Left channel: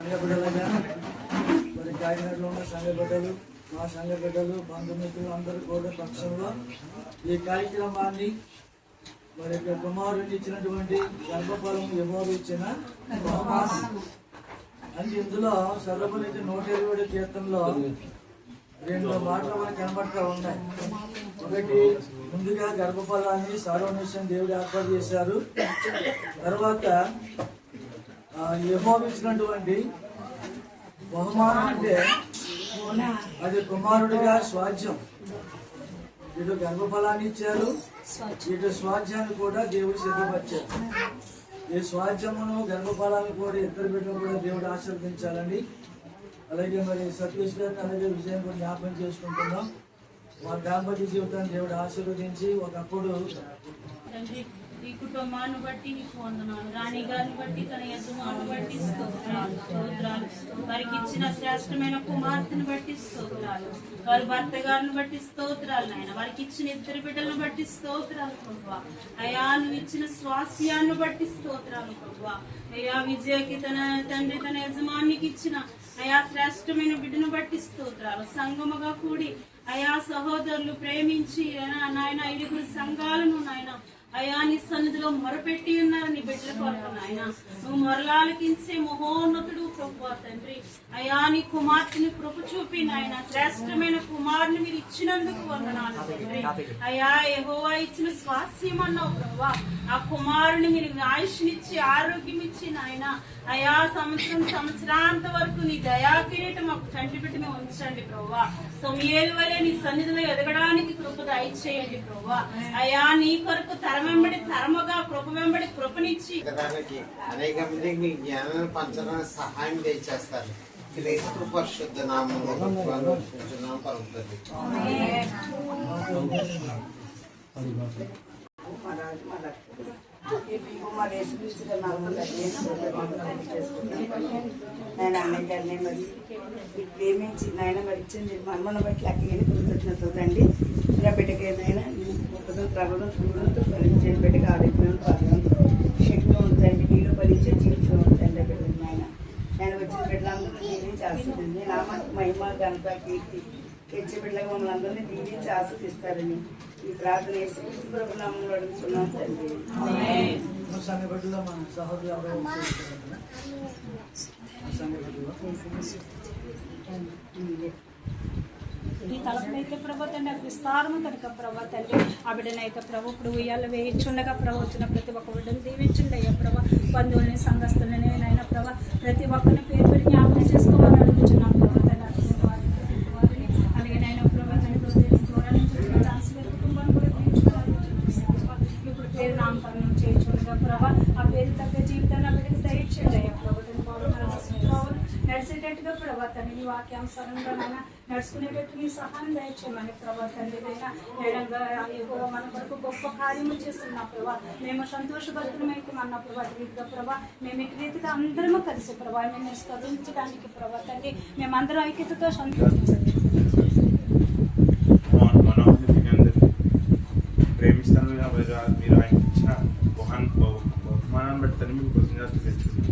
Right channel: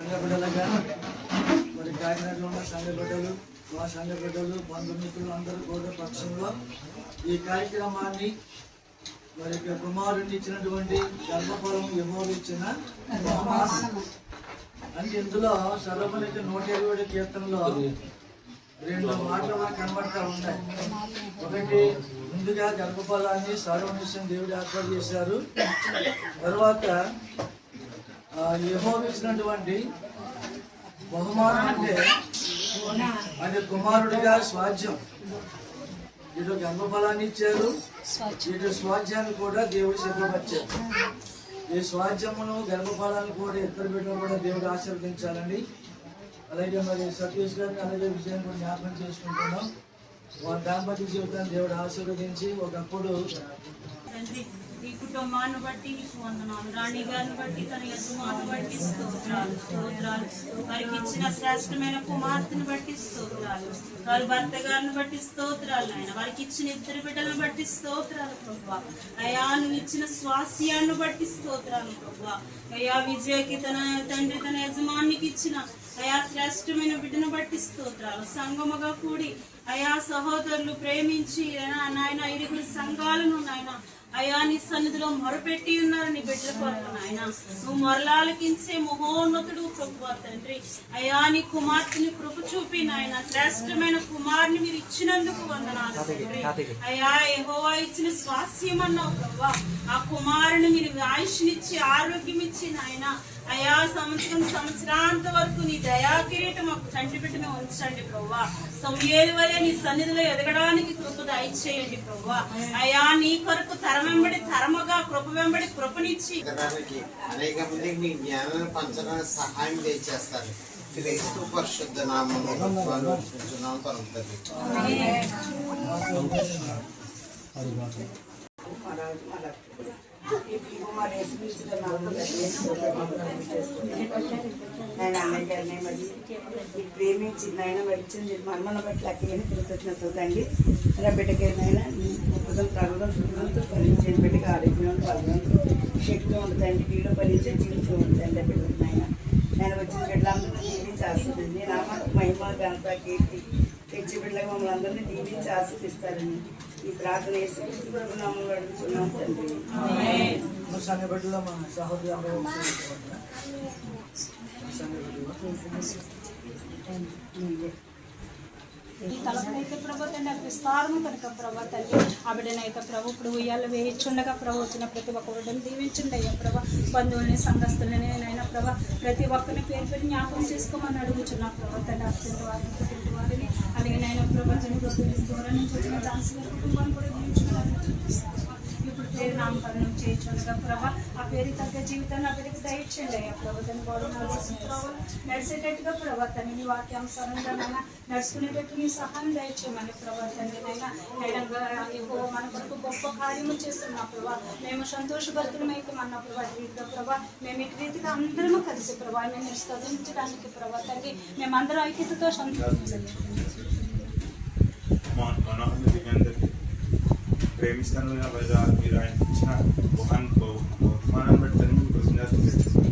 సంఘ బిడ్డలుగా మరి కాకినాడలో ఉన్న సంఘ బిడ్డలు, మా సంఘ బిడ్డలు, బంధుమిత్రులు అందరూ కూడా పక్షంలో ఈ కార్యక్రమాన్ని మరి కుమారుడిని ఇచ్చినటువంటి గర్భఫలం యెహోవా ఇచ్చిన బహుమానం అని ఇందులో సర్వమనికి 120 కీర్తనలో 2 మాటలు మనకు కనబడతా ఉన్నాయి. ఒకటి, ముందుగా గర్భఫలాన్ని సర్వనిశ్చయం దేవుడు ఏర్పాటు చేశారు. తర్వాత యెహోవా ఇచ్చినటువంటి బహుమానం అంటే అది కుమారుడిగా స్వాధ్యం. ఇటు గర్భఫలాన్ని ఇచ్చారు, ఇటు స్వాధ్యాన్ని కూడా దేవుడు సిద్ధపరిచారు. ఈ స్వాధ్యమును గర్భఫలాన్ని కూడా ఇద్దరు బిడ్డలు కూడా దేవుడు ఆశీర్వదించాలండి. అలాగే మరి సతీష్ గారిని అలాగే విజయం కూడా జ్ఞాపకం చేసుకుంటున్నాం. దాంపత్య జీవితాన్ని దేవుడు ఆశీర్వదించి ఒకప్పుడు ఈ కుటుంబాన్ని బట్టి నీకు వందనాలు, రాణి గారిని బట్టి తన యజమాను బట్టి స్తోత్రాలు. వారికి ఇచ్చిన శ్రేష్టమైన కుమార్తెను బట్టి స్తోత్రాలు, వారి భర్త గారిని బట్టి స్తోత్రాలు నాయన, వారికి ఇచ్చిన 2 బిడ్డలను బట్టి స్తోత్రాలు ప్రభువా. అయా నువ్వు ఇచ్చిన స్వాస్యాన్ని బట్టి స్తోత్రాలు ప్రభువా. అయా విజయకి తన తండ్రి తన యజమానికి ఇచ్చిన అయా శ్రేష్టమైన బిడ్డను బట్టి స్తోత్రాలు. సంగముగా కూడి అయా సహోదరులు ప్రేమించి నాయన 5 సంఘాలను నాయన అయా నీ సన్నిధిలో మొరపెట్టి ఉన్నారు నీ బిడ్డల కొరకు నాయన. నువ్వు మొరలాలకించే మహోన్నతుడు ప్రభువా తండ్రి. అయా నీ కుమార్తెని కృప చూపి నాయన శ్రేష్టమైన కుమారుని మీరు ఇచ్చినందుకు వందనాలు తండ్రి. అయా యెహోవా ఇచ్చిన స్వాస్యం అన్నావు ప్రభువా. ఆ కుమారుని మీరు ఆయుష్నిచ్చి ఆరోగ్యం ఇచ్చి నాయన అయా సంవత్సరాంత వరకు నీ దయా కిరీటం ఒక చంటి బిడ్డను ఉంచండి ప్రభువా. సమూయేలు వలె నీ సన్నిధిలో ఎదగడానికి కృప దయచేయండి ప్రభువా. అయా నీ కొరకు తరం వెంబడి తరముగా కృప వెంబడి కృపనిచ్చి అనేక మందికి మీ జ్ఞానాన్ని పంచడానికి సహాయం చేస్తారు. క్రీస్తు పరిశుద్ధ నామములో కలుగుతుంది. నేను అన్నగారిని మరి ప్రేమించి నాయన మరి ఇచ్చింది మర్మను బట్టి లెక్కలేని కృతజ్ఞత కండి. ఇలా బిడ్డకేనైనా త్రాగడం శుభ్రంతో ఫలించే బిడ్డకి ఆరోగ్యం శక్తి ఉంటుందండి, నీళ్ళు ఫలించే జీవితం ఉంటుందండి బిడ్డకి నాయన. నేను వచ్చిన బిడ్డలందరూ దీవించి ఆస్వాదించి నా మహిమ ఘనత కీర్తి తెచ్చి బిడ్డలకు మమ్మల్ని అందరినీ దీవించి ఆస్వాదిస్తారని ఈ ప్రార్థన నామంలో అడుగుతున్నాం తండ్రి. ఈ తలపునైతే ప్రభు తండ్రి విస్తారము కనుక ప్రభు తండ్రి ఆ బిడ్డనైతే ప్రభు ఇప్పుడు ఉయ్యాలు వేయించుండగా ప్రభు వచ్చిన ప్రతి ఒక్క బిడ్డను దీవించండి అయ్యా ప్రభు. బంధువుల్ని సంఘస్థులని నైనా ప్రభు ప్రతి ఒక్కరిని పేరు పెట్టి జ్ఞాపకం చేసుకోమని అడుగుతున్నాం ప్రభు తండ్రి. వారిని అలాగే నైనా ప్రభు దూరం నుంచి వచ్చిన ఛాన్స్ కుటుంబాన్ని కూడా దీవించుకోవాలి. ఇప్పుడు పేరు నామకరణం చేయించుండగా ప్రభు ఆ పేరు తగ్గ జీవితాన్ని అభివృద్ధి దయచేయండి అయ్యా ప్రభు తండ్రి. నడిచేటట్టుగా ప్రభు తండ్రి నీ వాక్యానుసారంగా నైనా నడుచుకునేటట్టు నీ సహాయం దయచేయమని ప్రభు తండ్రి. నైనా మన కొరకు గొప్ప కార్యము చేస్తున్నా ప్రభా. మేము సంతోషభద్రమైకమన్న ప్రభా రీతిగా ప్రభా మేము ఇటు రీతిగా అందరము కలిసి ప్రభా మేము స్థుతించడానికి ప్రభా తండ్రి మేమందరం ఐక్యతతో ప్రేమిస్తాను మీరు ఆయన ఇచ్చిన బహుమానం పెడతాను మీకు కృతజ్ఞత చేస్తాను.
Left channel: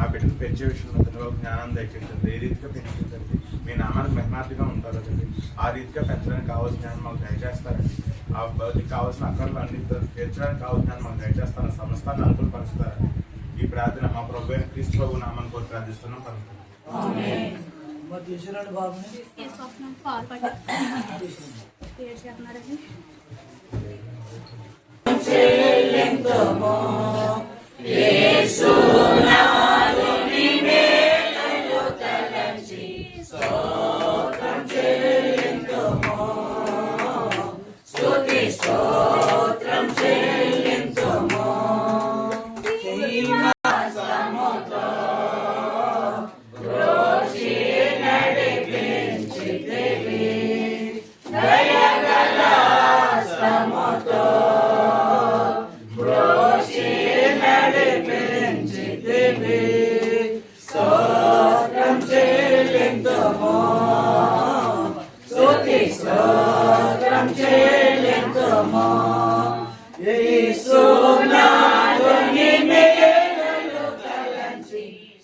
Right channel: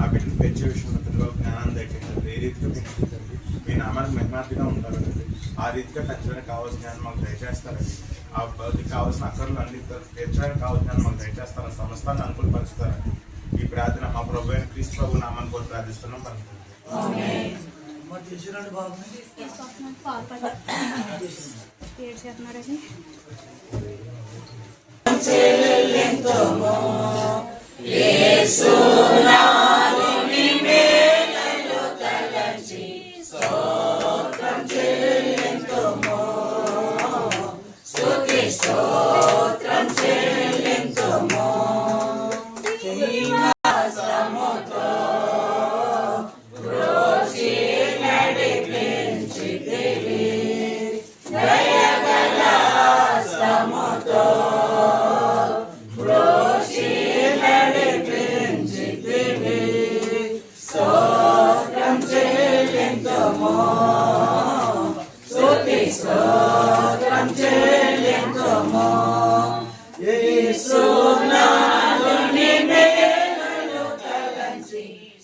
ఆ బిడ్డను పెంచే విషయంలో పిల్లలు జ్ఞానం దక్కించండి. ఏ రీతిగా పెంచుతుంది మీ నామానికి మహిమార్థిగా ఉండాలండి. ఆ రీతిగా పెంచడానికి కావాల్సిన జ్ఞానం మాకు దయచేస్తారండి. ఆ కావాల్సిన అక్కర్లు అన్ని తీర్చడానికి కావాల్సిన జ్ఞానం మాకు దయచేస్తారని సమస్తాన్ని అనుకూలపరుస్తారండి. ఈ ప్రార్థన మా ప్రభు అయిన క్రీస్తు ప్రభు నామాన్ని కూడా ప్రార్థిస్తున్నాం.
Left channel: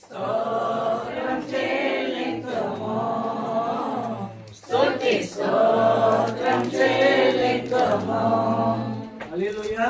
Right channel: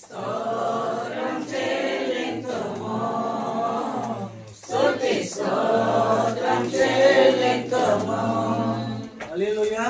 స్తోత్రం హల్లెలూయా.